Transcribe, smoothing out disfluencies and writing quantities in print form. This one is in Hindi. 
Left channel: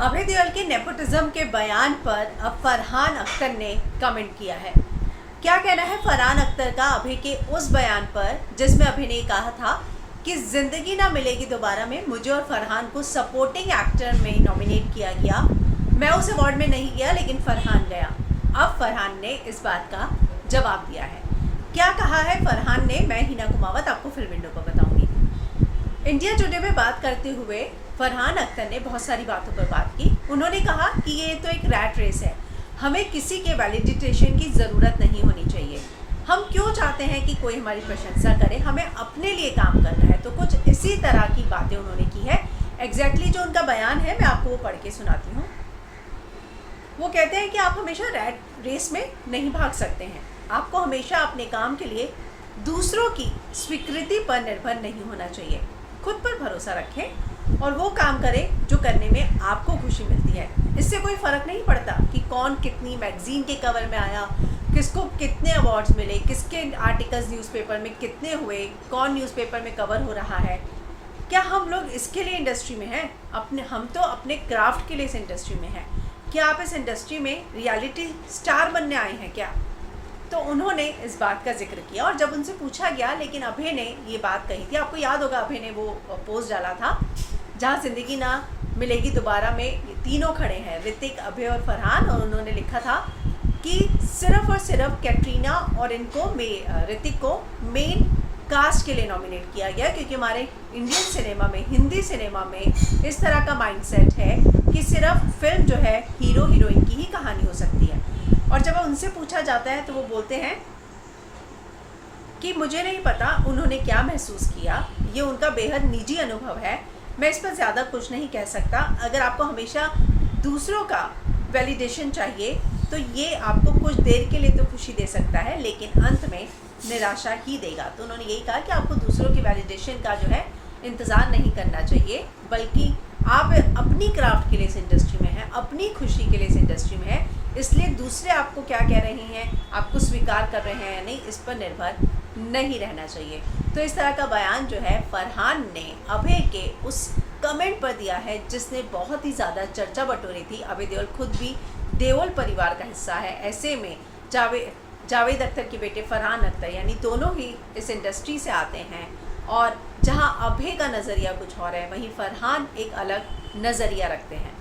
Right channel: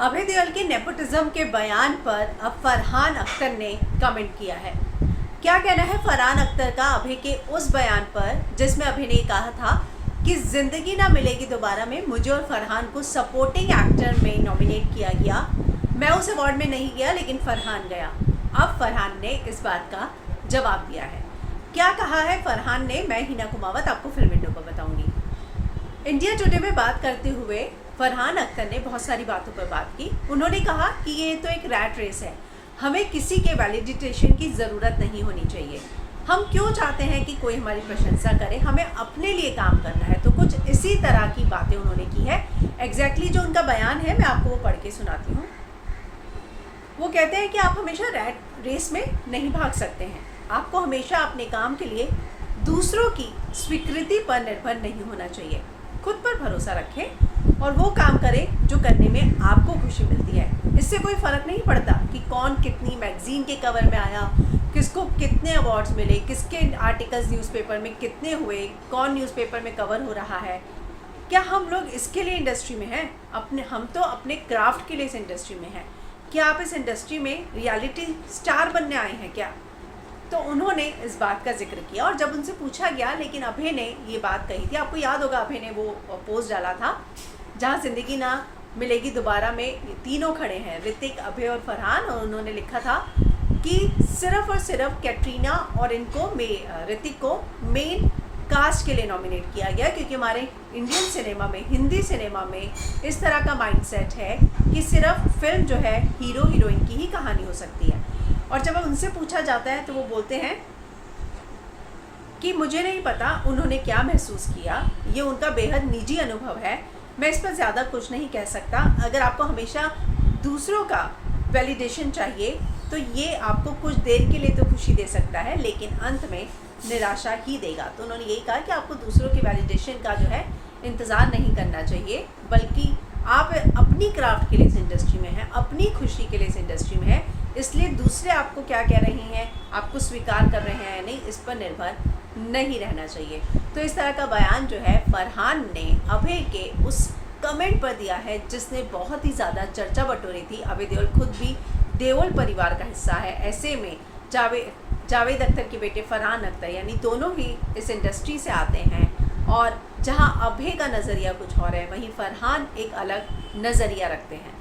अभय देओल के नेपोटिज्म के बयान पर अब फरहान अख्तर ने कमेंट किया है। क्या कहना है फरहान अख्तर का अभय के उस बयान पर जिसमें अभय ने कहा था कि जिंदगी ना मिलेगी दोबारा में मुझे और फरहान को सपोर्टिंग एक्टर में नॉमिनेट किया गया। मैं उस अवार्ड में नहीं गया लेकिन फरहान गया। अब फरहान ने इस बात का जवाब दिया है। क्या कहा है फरहान ने, मैं हिना कुमावत आपको फिल्म विंडो पर बताऊंगी। इंडिया टुडे में बात करते हुए फरहान अख्तर ने बहुत सारी बातों पर बात की। उन्होंने कहा कि ये तो एक रैट रेस है, हमें किसी के वैलिडेशन की ज़रूरत नहीं होनी चाहिए। हम क्यों चाहते हैं कि कोई हमारी प्रशंसा करे, हमें अपने लिए काम करना है। तो कुछ इसी तरह की बातें उन्होंने की है। एग्जैक्टली जो उनका बयान है मैं आपको वो पढ़ के सुनाती हूँ। वो कहते हैं कि आप हमेशा रैट रेस में नहीं भाग सकते हैं। आपको हमेशा अपने काम के लिए दूसरों की स्वीकृति पर निर्भर नहीं होना चाहिए। खुद पर भरोसा रखें और वो काम करें जो करने में आपको खुशी मिलती है। इससे कोई फ़र्क नहीं पड़ता कि कौन कितनी मैगज़ीन के कवर में आया, किसको कितने अवार्ड्स मिले, किसके आर्टिकल्स न्यूज़पेपर में कितने हुए, कौन न्यूज़पेपर में कवर हो रहा है। क्या हम लोग इसके लिए इंडस्ट्री में हैं? हम तो अपने क्राफ्ट के लिए इस इंडस्ट्री में हैं। क्या आप इस इंडस्ट्री में रियलिटी स्टार बनने आए हैं क्या? तो उन्होंने इस बात का जिक्र किया। और जब उनसे पूछा गया, लेकिन अभय ने ये बात कही थी, आपको याद होगा अभय ने वो पोस्ट डाला था जहाँ ज़िंदगी ना मिलेगी दोबारा में ये तीनों खड़े हैं, ऋतिक, अभय और फरहान। और उन्होंने लिखा था कि सिर्फ और सिर्फ कैटरीना और इनको ऋतिक को मेन कास्ट के लिए नॉमिनेट किया गया, क्योंकि हमारे इंडियन सिनेमा में, हिंदी सिनेमा में इस तरह का माइंडसेट है कि सिर्फ फिल्म जो है हीरो हीरोइन की ही कहानी हो सकती है। और जब उनसे पूछा जाता है तो वो बोलते हैं कि मुझे नहीं पता उन्होंने क्या महसूस किया, ये उनका बेहद निजी अनुभव है, मैं इस पर ज़्यादा कुछ नहीं कह सकता। अगर आपको हमेशा दूसरों का वैलिडेशन चाहिए तो ये आपको कुछ देर के लिए तो खुशी दे सकता है लेकिन अंत में निराशा ही देगा। तो उन्होंने यही कहा कि आपको दूसरों की वैलिडेशन का जो है इंतज़ार नहीं करना चाहिए, बल्कि आप अपनी क्राफ्ट के लिए इस इंडस्ट्री में हैं, अपनी खुशी के लिए इस इंडस्ट्री में हैं। इसलिए दूसरे आपको क्या कह रहे हैं, आपको स्वीकार कर रहे हैं या नहीं, इस पर निर्भर नहीं रहना चाहिए। तो इस तरह का बयान जो है फरहान ने अभय के उस कमेंट पर दिया है जिसने बहुत ही ज़्यादा चर्चा बटोरी थी। अभय देओल खुद भी देओल परिवार का हिस्सा है। ऐसे में जावेद अख्तर के बेटे फरहान अख्तर यानी दोनों ही इस इंडस्ट्री से आते हैं। और जहां अभय का नज़रिया कुछ और है, वहीं फरहान एक अलग नज़रिया रखते हैं।